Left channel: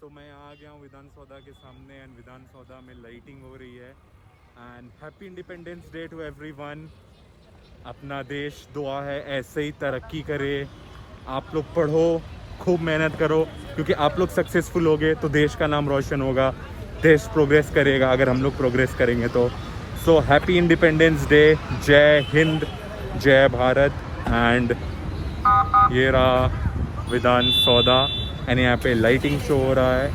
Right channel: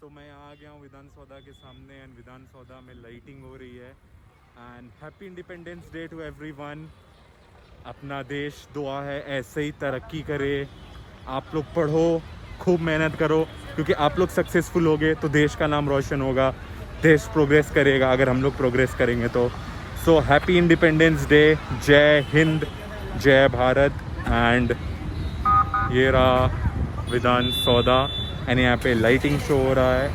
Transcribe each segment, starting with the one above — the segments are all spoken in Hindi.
तो मैं यहाँ आ गया हूँ विधान सौदा के सामने एंड विधान सौदा में लाइटिंग हो रही है। And happy independence day to everyone. अपना देश दुआ है ऐसे ही तरक्की करे। आप लोग पढ़ो, खूब मेहनत करो, क्योंकि आप लोग सक्सेसफुल होगे तो देश का नाम रोशन होगा, देश प्रोग्रेस करेगा अगर हम लोग प्रोग्रेस करेंगे तो। So happy independence day. जय हिंद, जय भारत। एंड ये रहा विधान सौदा एंड यहाँ पे लाइटिंग शो हो रहा है।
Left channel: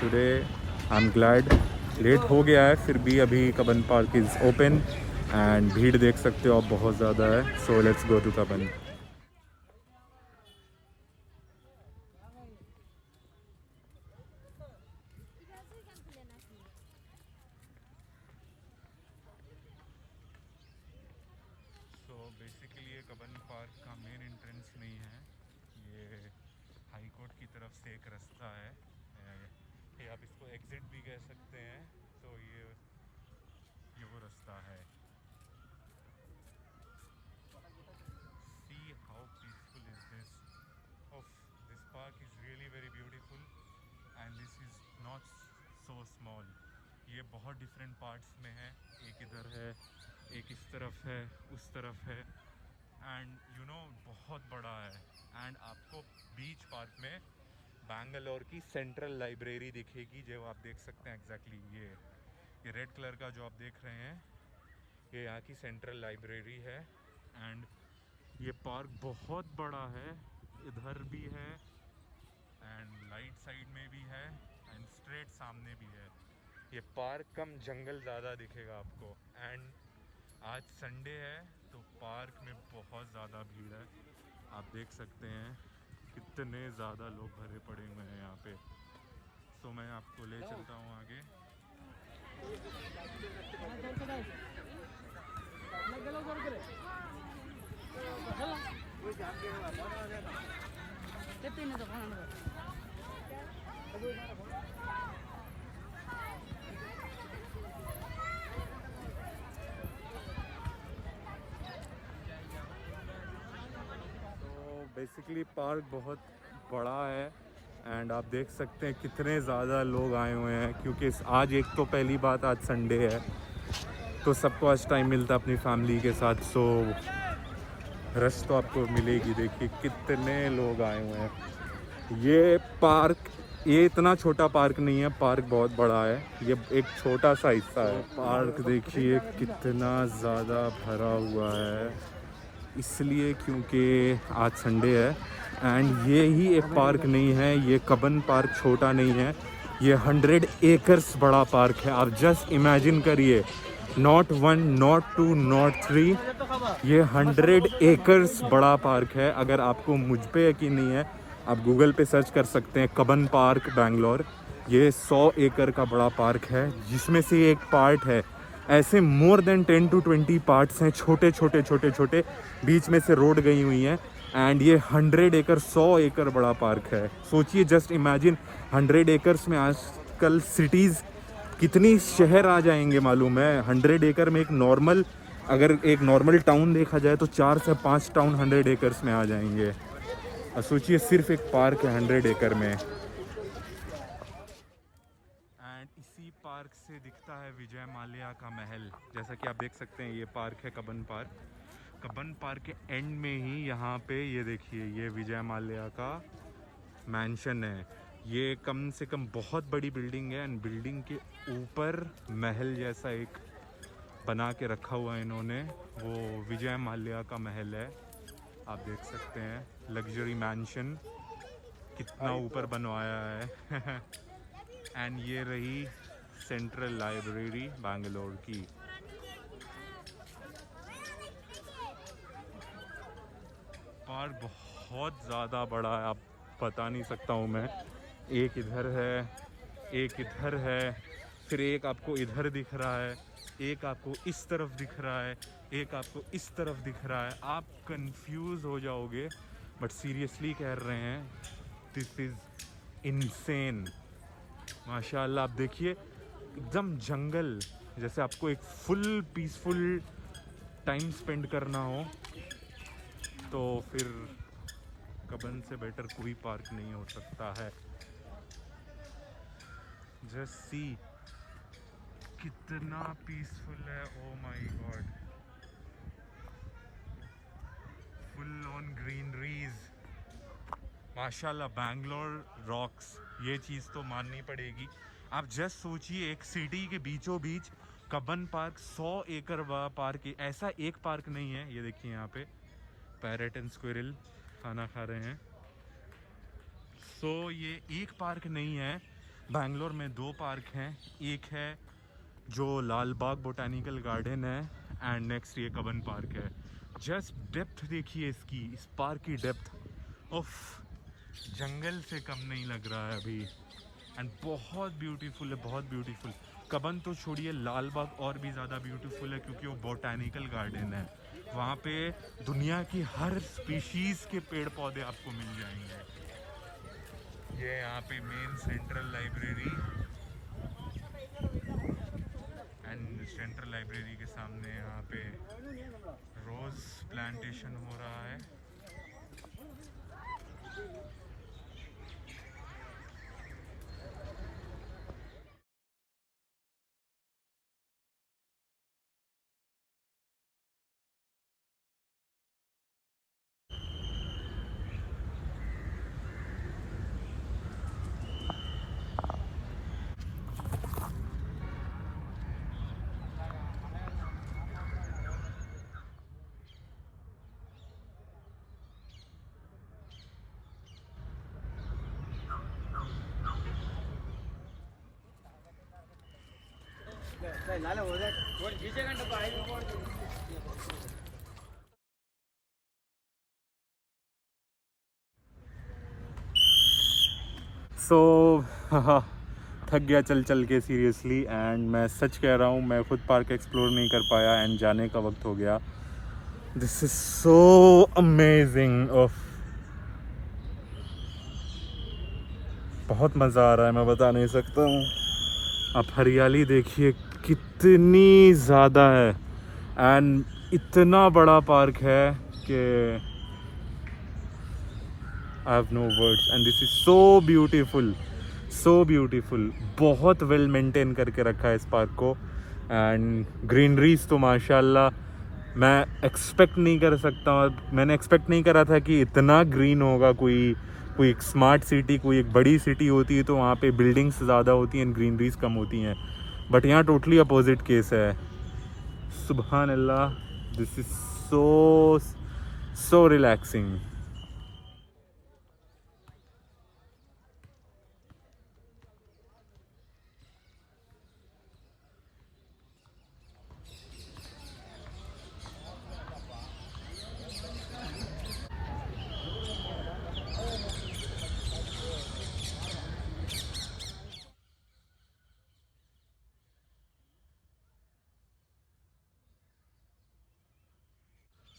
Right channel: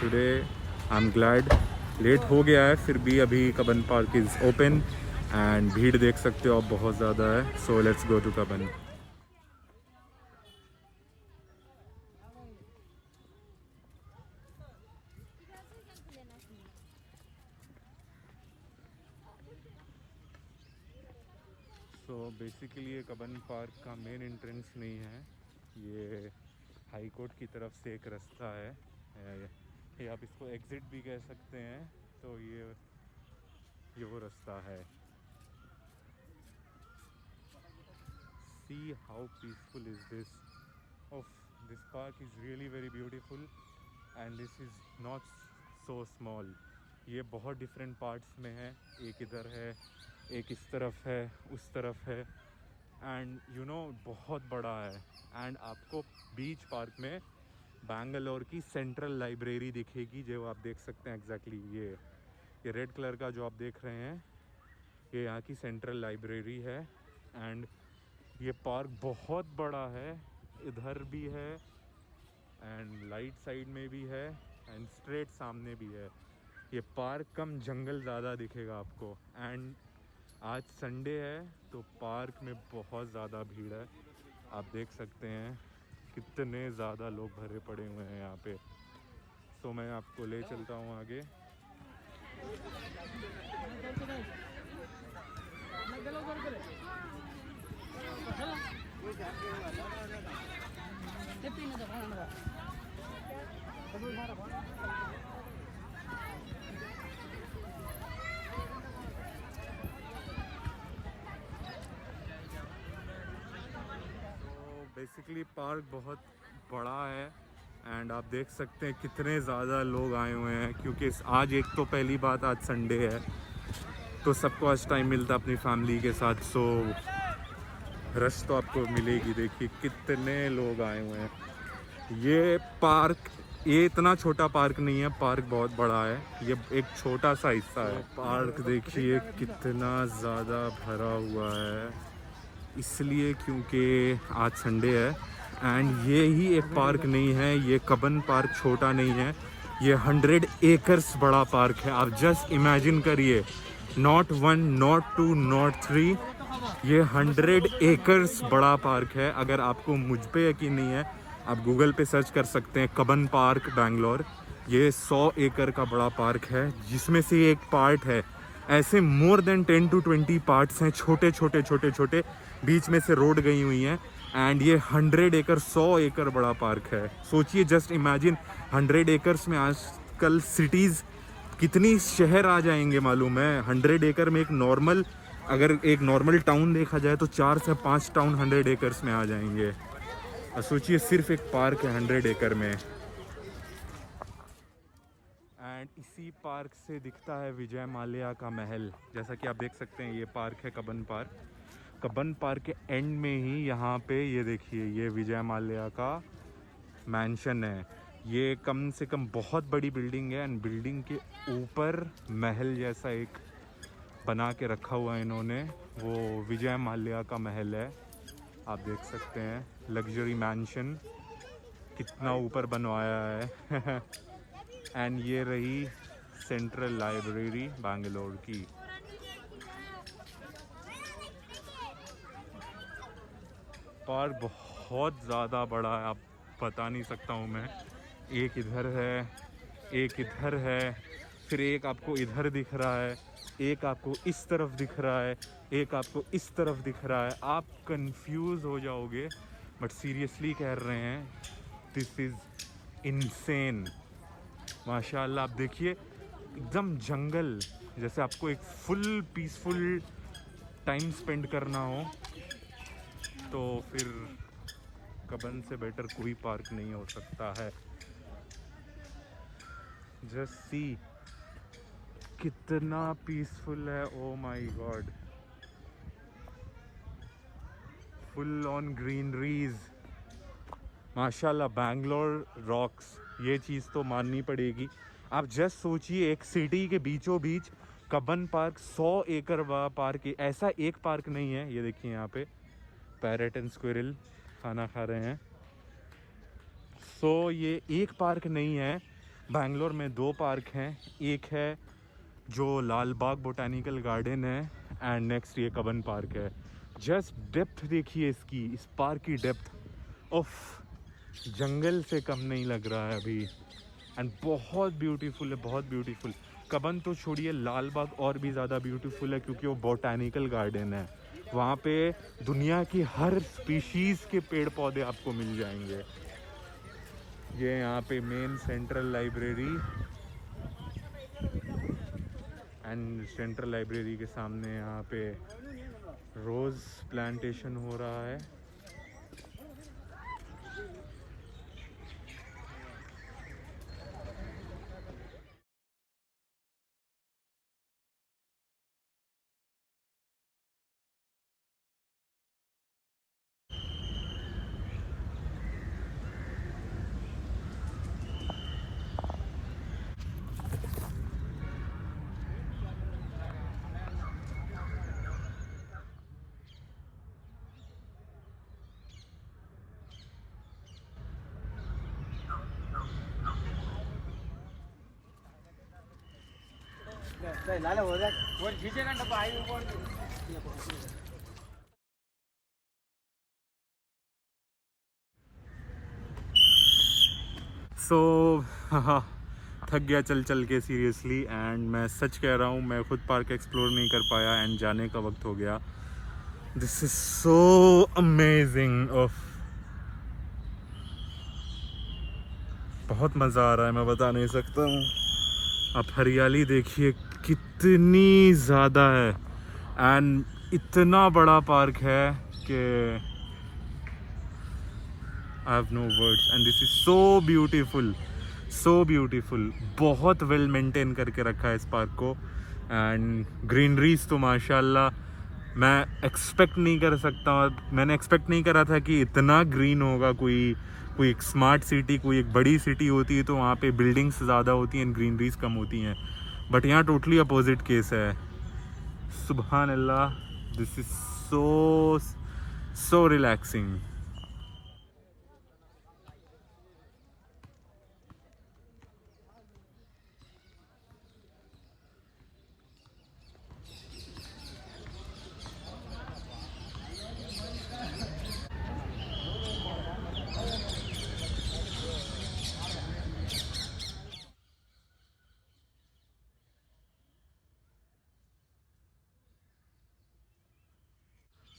Today I am glad, late हो गया है फिर भी अभी Cubbon park is open and भीड़ देख सकते हो आप बहुत ज़्यादा है। So let's go to Cubbon. So basically ये कबन पार्क का मेन एंट्रेंस नहीं है, ये हाई कोर्ट की तरफ से एक रास्ता है। ये आप इसको एग्ज़िट भी कह सकते हैं। तो ये वो रास्ता है। See how peaceful is this. Oh, this park is really very beautiful and this is not so small. ये बहुत डिफरेंट पार्ट्स में है। एक इधर है, एक इस तरफ है, उस तरफ है एंड यू नो बहुत बड़ा है। एंड आपको बीच पार्क में बैंगलोर की सेंट्रल लाइब्रेरी दिखेगी, जो आप देख सकते हैं एग्जैक्टली ये रेड कलर का जो आप देख रहे हैं, ये यहाँ की सेंट्रल लाइब्रेरी है। एंड ये पार्क बहुत बड़ा है, इधर भी है एंड राइट साइड में भी है एंड स्ट्रेट सामने भी है। ये पार्क कम जंगल ज़्यादा दिखेगा आपको। एंड आज संडे है तो पार्क में बहुत ज़्यादा भीड़ है, आप देख सकते हैं कितने ज़्यादा लोग भरे पड़े हुए हैं यहाँ पे। सो मैं आपको ले चलता हूँ आगे। बेसिकली पार्क बहुत बड़ा है एंड आप देख सकते हैं कितने ज़्यादा लोग आए हुए हैं, क्योंकि आज एक तो पहली बात आज संडे है तो सबको आज टाइम मिलता है अपनी फैमिली के साथ। सो रश तो आपको मिलेगी। देखिए कितने लोग आए हुए हैं। ये पार्क, ये इतना छोटा पार्क नहीं है, पार्क बहुत बड़ा है, ये एक छोटा सा हिस्सा है। पार्क देखिए कितना ज़्यादा भरा हुआ है, इसलिए क्योंकि आज संडे है। एंड ये ही एक पार्क नहीं है, ये कबन पार्क छोटा नहीं है, ये 100 एकर्स बड़ा पार्क है। आप जस्ट इमेजिन करिए, नॉट 1 नॉट 2 नॉट 3, ये 100 एकर्स बड़ा पार्क है। अगर आपको मुझ पे यकीन नहीं है, आप गूगल पे सर्च कर सकते हैं कबन पार्क बैंगलोर। ये 100 एकड़ का बड़ा पार्क है, जिसमें से एक पार्ट है, ऐसे मोर देन 10 to 20 पार्ट्स हैं, छोटे छोटे छोटे छोटे, बीच में से रोड गई हुई हैं। एंड ये 100 एकड़ 100 एकड़ बड़ा पार्क है। सोचिए, जस्ट इमेजिन 100 एकर्स में आजकल सिटीज़ कितनी शहर आ जाएंगे मालूम है। 100 एकड़ में एक नॉर्मल, अगर एक नॉर्मल टाउन देखा जाए तो 4 से 5 टाउन 100 एकर्स में आ जाएंगे। और सोचिए सिर्फ एक पार्क है 100 एकड़ में। एंड इसी पार्क से दिखता है विजय माल्या का महल। जैसा कि आप देख सकते हैं, ये पार्क है कबन पार्क। कबन पार्क के एंड में ही यहाँ पे ये देखिए, ये विजय माल्या का मैंशन है। ये कम से कम बहुत बड़ी बिल्डिंग है एंड बिल्डिंग के ऊपर महल जैसा एक बना के रखा हुआ है इन्होंने, वो विजय माल्या का महल है। आप देख सकते हैं लग्जरी मैंशन कितना ऊपर बनवाया है। एंड ये रही सेंट्रल लाइब्रेरी बैंगलोर की। पार्क बहुत ज़्यादा बड़ा है, आप बता नहीं सकता हूँ मैं। एक इधर है, एक इधर है, फिर एक आपको इधर दिख रहा है, एक आपको इस तरफ दिख रहा है, एक आपको इस तरफ दिख रहा है। आप कंफ्यूज हो जाओगे, बट सीरियसली कह रहे हैं, दिस इज़ इनसेन। माशाल्लाह, आप देखिए एकदम जंगल जैसे। आपको एक फुल पीसफुल टाइम स्पेंड करना हो तो फिर कबन से बेटर कोई पार्क नहीं हो सकता है। जस्ट सी कितना पीसफुल है। Oh my God, full on greeneries माशाल्लाह। बैंगलोर रॉक्स, ये चीज़ तो माननी पड़ेगी। आप जस्ट सोचिए, एक सिटी के बीचों बीच कबन पार्क, 100 एकड़ बड़ा पार्क है। ऐसा एक पार्क नहीं है। ये देखिए यहाँ पे पैरेट एंड स्क्विरल खाना खा रहे हैं। सो ये एक पार्क नहीं है, बैंगलोर में 2 पार्क हैं। एक है जो लाल बाग बोटानिकल गार्डन है एंड नेक्स्ट ये कबन पार्क है। जस्ट डेप्थ देखिए इसकी, इस पार्क की डेप्थ, उफ, जंगल से कम नहीं लग रहा है अभी। एंड बहुत ब्यूटीफुल है, बहुत ब्यूटीफुल। कबन तो छोड़िए, लाल बाग और भी ज़्यादा ब्यूटीफुल है क्योंकि वो बोटानिकल गार्डन है। वहाँ पे दुनिया की हर स्पीशीज़ के पेड़ पौधे आपको मिल जाएंगे। ये यहाँ पे main central library, and central library के सामने यहाँ पे रोज़ प्लांटेशन हो रहा है। सो थक गया चल चल के सीरियसली। एंड मैं सच कह रहा हूँ, मैं खुद पार्क एक्सप्लोर नहीं कर पाया एंड जाने का वक्त हो गया। This is so amazing. Of बहुत मज़ा आ रहा है, मैं बता नहीं सकता हूँ। आप हरियाली देखिए कितनी ज़्यादा है एंड इतना बड़ा पार्क है कि I have no words and this is so beautiful, so beautiful। बहुत वेल मेंटेन करके रखा है इस पार्क को एंड ग्रीनरीज तो माशाल्लाह मैं एक्सपेक्ट नहीं कर सकता। और मैंने एक्सपेक्ट नहीं करा था कि इतना ग्रीन होगा। कोई एक स्मार्ट सिटी, कोई एक बड़ी सिटी होती है तो वहाँ पे बिल्डिंग्स ज़्यादा होती हैं, ग्रीनरीज कम होती हैं, बट यहाँ टोटली अपोजिट केस है। सुभान अल्लाह, दिस इज़ सो रिलैक्सिंग।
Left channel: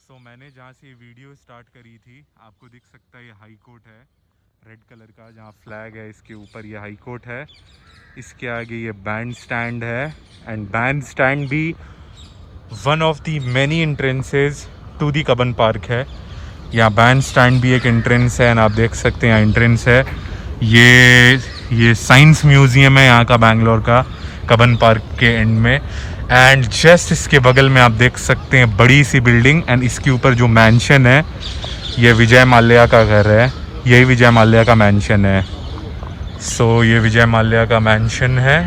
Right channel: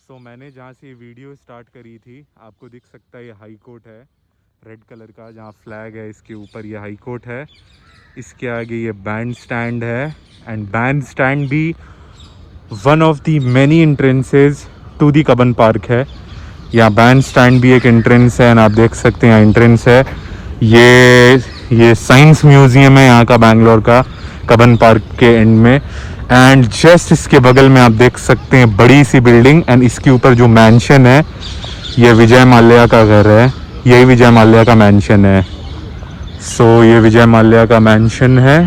तो मैंने जहाँ से ये वीडियो स्टार्ट करी थी, आपको दिख सकता है ये हाई कोर्ट है रेड कलर का, जहाँ फ्लैग है इसके ऊपर, ये हाई कोर्ट है। इसके आगे ये बैंड स्टैंड है एंड बैंड स्टैंड भी one of the many entrances to the Cubbon park है। यहाँ बैंड स्टैंड भी एक एंट्रेंस है एंड आप देख सकते हैं यहाँ एंट्रेंस है। ये साइंस म्यूजियम है यहाँ का, बैंगलोर का, कबन पार्क के एंड में। एंड जस्ट इसके बगल में आप देख सकते हैं बड़ी सी बिल्डिंग एंड इसके ऊपर जो मैंशन है ये विजय माल्या का घर है। यही विजय माल्या का मैंशन है। सो ये विजय माल्या का मैंशन है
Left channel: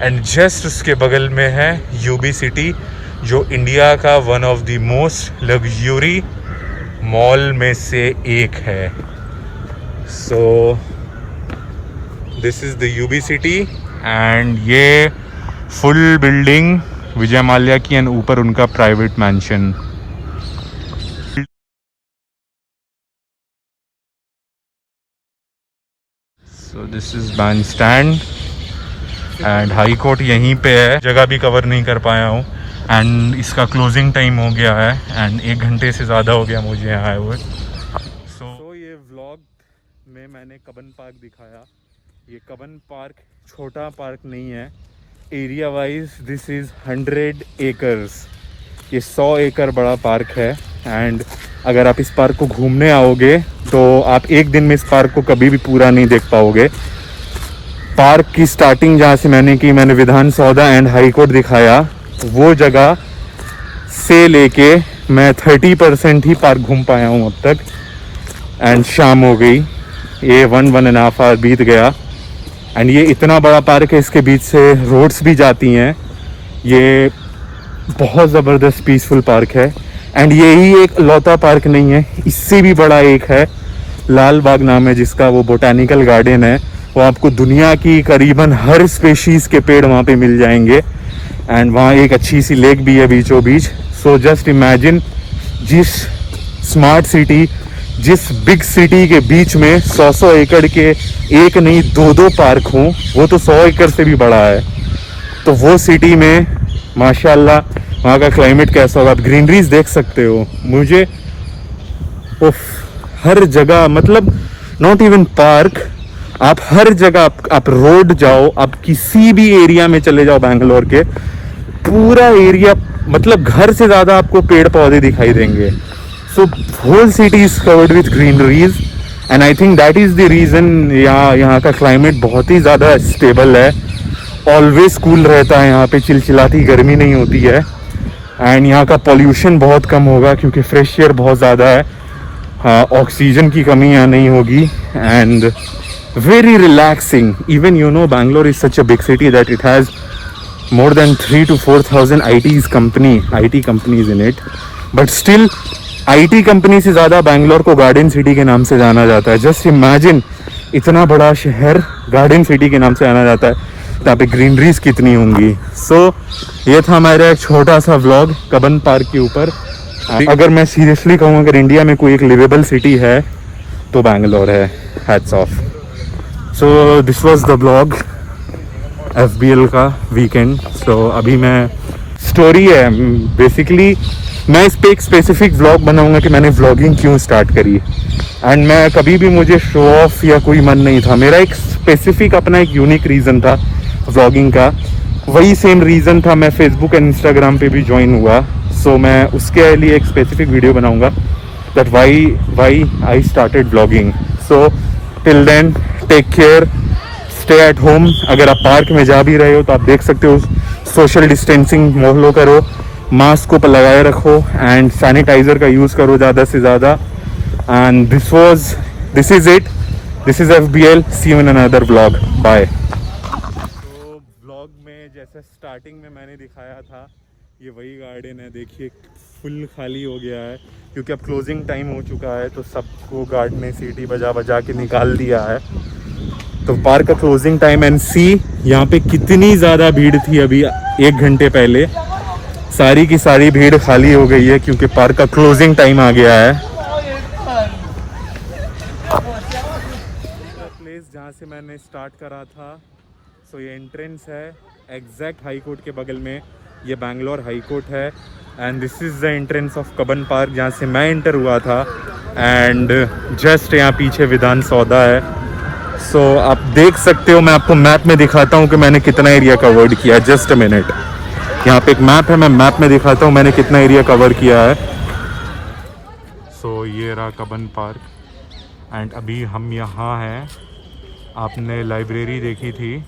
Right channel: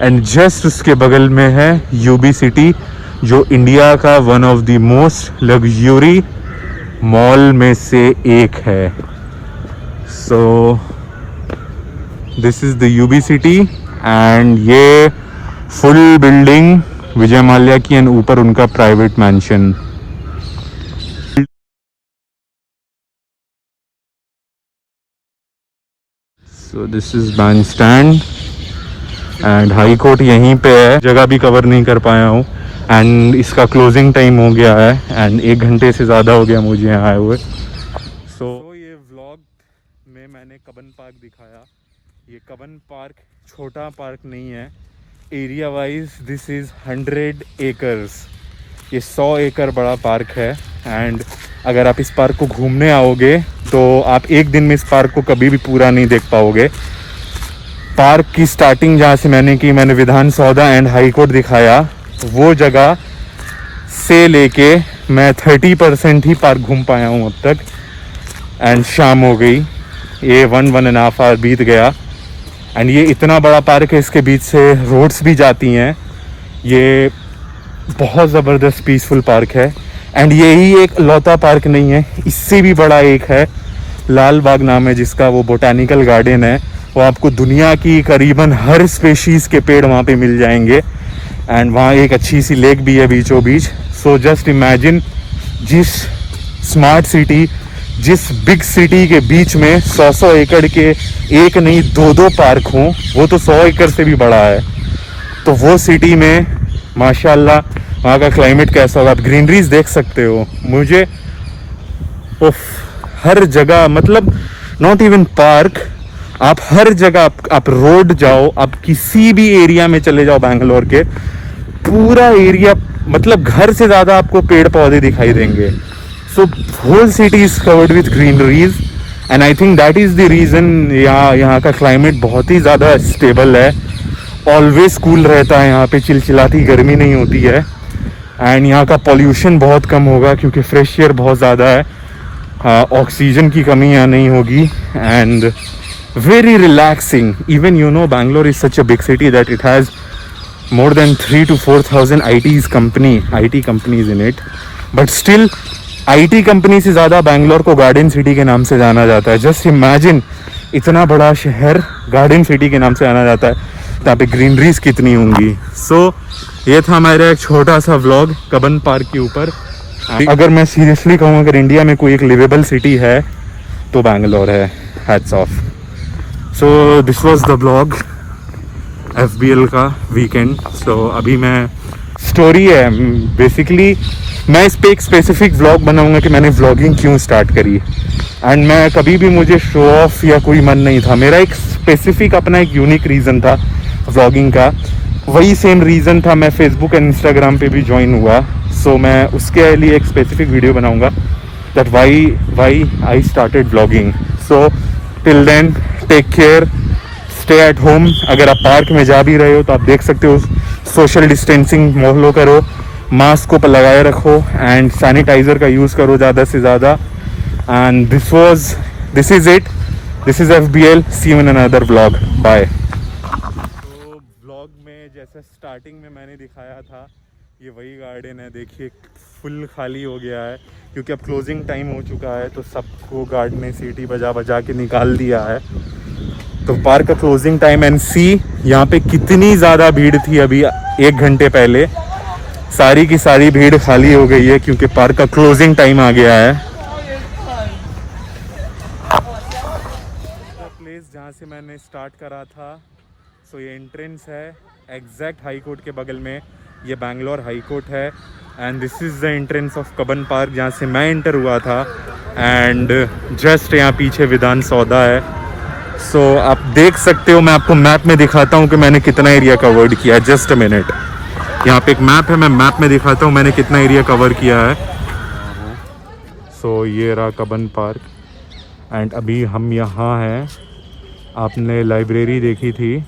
एंड जस्ट उसके बगल में है यूबी सिटी, जो इंडिया का one of the most luxury mall में से एक है। So this is the UB city and ये फुल बिल्डिंग विजय माल्या की एंड ऊपर उनका private mansion. So this is band stand and high court यहीं पे है। जगह भी कवर नहीं कर पाया हूँ एंड इसका क्लोजिंग टाइम हो गया है एंड 1 घंटे से ज़्यादा हो गया मुझे यहाँ आए हुए। सो ये व्लॉग में मैंने कबन पार्क दिखाया। ये कबन पार्क छोटा पार्क नहीं है, area wise this is 100 acres. ये 100 एकड़ बड़ा पार्क है एंड अगर आप इस पार्क को घूमने आओगे तो आप एक दिन में इस पार्क को कभी भी पूरा नहीं देख पाओगे। पार्क की स्टार्टिंग जहाँ से मैंने विधान सौदा एंड हाई कोर्ट दिखाया, वो जगह से लेके मैं 30% ही पार्क घूम पाया हूँ अब तक। एंड शाम हो गई, ये 1.5 आवर बीत गया। एंड ये इतना बड़ा पार्क है, इसके बीच से रोड्स भी जाती हैं। ये बहुत ज़बरदस्त पीसफुल पार्क है। एंड यही एक लौता पार्क नहीं है, इससे भी बड़ा एक है, लाल बाग नाम है जिसका, वो बोटैनिकल गार्डन है। वो आपको दुनिया की करीबन हर स्पेशीज़ के पेड़ वहाँ पे मिल जाएंगे। एंड वहाँ एक अच्छी सी लेक भी है बीचों बीच। सो जस्ट इमेजिन, जिस स्मार्ट सिटी, जिस बिग सिटी के बीच में 100 एकड़ के एक नहीं 2 पार्क हों, वो तो 100 एकड़ से भी बड़ा है। तो वो सिटी में माशाल्लाह वहाँ का क्लाइमेट कैसा होगा, आप ग्रीनरीज देख सकते हो। मुझे हर जगह, मतलब नॉट इवन पार्क, आप हर जगह, आप रोड जाओ, आप किसी भी एरिया में चले जाओ बैंगलोर के, पूरा एरिया, मतलब घर से ज़्यादा आपको पेड़ पौधे दिखाई देंगे। So whole city is covered with greeneries and I think that is the reason यहाँ का क्लाइमेट बहुत ही ज़्यादा स्टेबल है। ऑलवेज कूल रहता है यहाँ पे, चिलचिलाती गर्मी नहीं होती है। एंड यहाँ का पॉल्यूशन बहुत कम होगा क्योंकि फ्रेश एयर बहुत ज़्यादा है। ऑक्सीजन की कमी यहाँ नहीं होगी। And very relaxing. Even Bangalore is such a big city that it has more than 3,000 to 4,000 IT companies in it. But still, IT company से ज़्यादा बैंगलोर को गार्डन सिटी के नाम से जाना जाता है। Just imagine, इतना बड़ा शहर गार्डन सिटी के नाम से जाना जाता है, यहाँ पे ग्रीनरीज कितनी होंगी। So ये था हमारा एक छोटा सा व्लॉग कबन पार्क के ऊपर। अगर मैं सीरियसली कहूँ, अगर इंडिया में कोई एक लिवेबल सिटी है तो बैंगलोर है। Hats off. So this was the blog FBL का वीकेंड। सो अभी मैं, स्टोरी है बेसिकली, मैं इस पे एक स्पेसिफिक व्लॉग बनाऊंगा कि मैंने व्लॉगिंग क्यों स्टार्ट करी। एंड मैं कभी भी, मुझे शो ऑफ या कोई मन नहीं था, मेरा एक स्पेसिफिक अपना एक यूनिक रीज़न था व्लॉगिंग का। वही सेम रीज़न था मैं फेसबुक एंड इंस्टाग्राम पे भी ज्वाइन हुआ। सो मैं उसके लिए एक स्पेसिफिक वीडियो बनाऊंगा, that why I started vlogging. So till then, take care, stay at home. अगर आप पार्क में जा भी रहे हो तो आप देख सकते हो, सोशल डिस्टेंसिंग फॉलो करो, मास्क को लगाए रखो एंड सैनिटाइजर का यूज़ करो ज़्यादा से ज़्यादा। And this is it, this is FBL, see you in another vlog, bye. तो व्लॉग में जैसे स्टार्टिंग में मैंने दिखाया था, ये वही गार्डन है। देखिए फुल खाली हो गया है क्योंकि अब क्लोजिंग टाइम हो चुका है, तो सबको गार्ड ने सीटी बजा बजा के निकाल दिया है। तो पार्क का क्लोजिंग टाइम, एंड सी यहाँ पे कितनी ज़्यादा भीड़ थी अभी 1 घंटे पहले, सारी की सारी भीड़ खाली हो गई है क्योंकि पार्क का क्लोजिंग टाइम आ गया है। प्लेस जहाँ से मैंने स्टार्ट करा था, सो ये एंट्रेंस है एग्जैक्ट हाई कोर्ट के बगल में, ये बैंगलोर हाई कोर्ट है। And this is the entrance of Cubbon park जहाँ से मैं एंटर हुआ था। एंड जस्ट यहाँ पीछे विधान सौदा है। सो आप देख सकते हो, मैं आपको मैप में दिखाता हूँ कि मैंने कितना एरिया कवर्ड किया है। जस्ट अ मिनट, यहाँ पे एक मैप है, मैं मैप में दिखाता हूँ मैंने कितना एरिया कवर किया है। सो ये रहा कबन पार्क एंड अभी हम यहाँ हैं। आपने लाइब्रेरी देखी थी,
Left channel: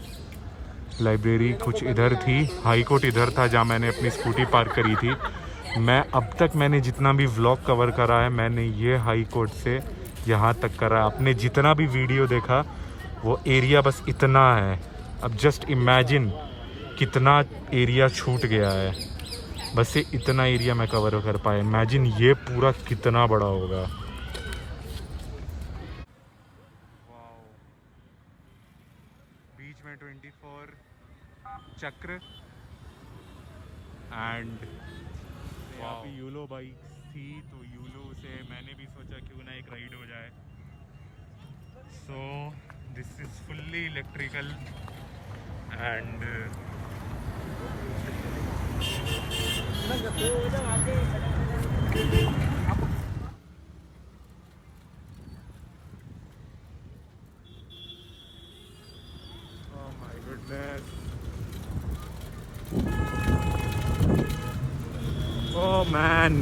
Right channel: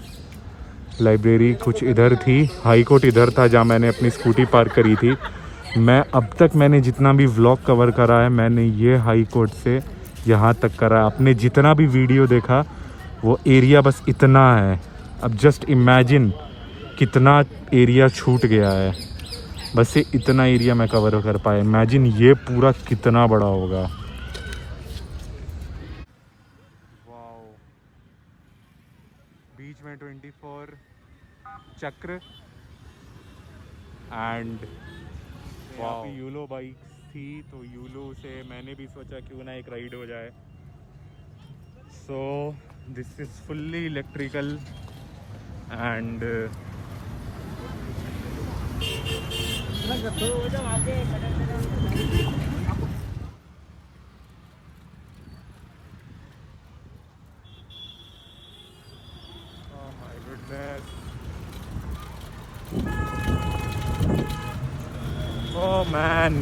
लाइब्रेरी कुछ इधर थी, हाई कोर्ट इधर था जहाँ मैंने अपनी स्कूटी पार्क करी थी। मैं अब तक मैंने जितना भी व्लॉग कवर करा है, मैंने ये हाई कोर्ट से यहाँ तक करा है। आपने जितना भी वीडियो देखा वो एरिया बस इतना है। अब जस्ट इमेजिन कितना एरिया छूट गया है, बस ये इतना एरिया मैं कवर कर पाया। इमेजिन ये पूरा कितना बड़ा होगा। वाओ, बीच में 24 चक्र एंड यहाँ पे यूलो बाइक थी, तो यूलो से मैंने भी सोचा क्यों ना एक राइड हो जाए। सो this is fully electrical and oh my goodness, oh man,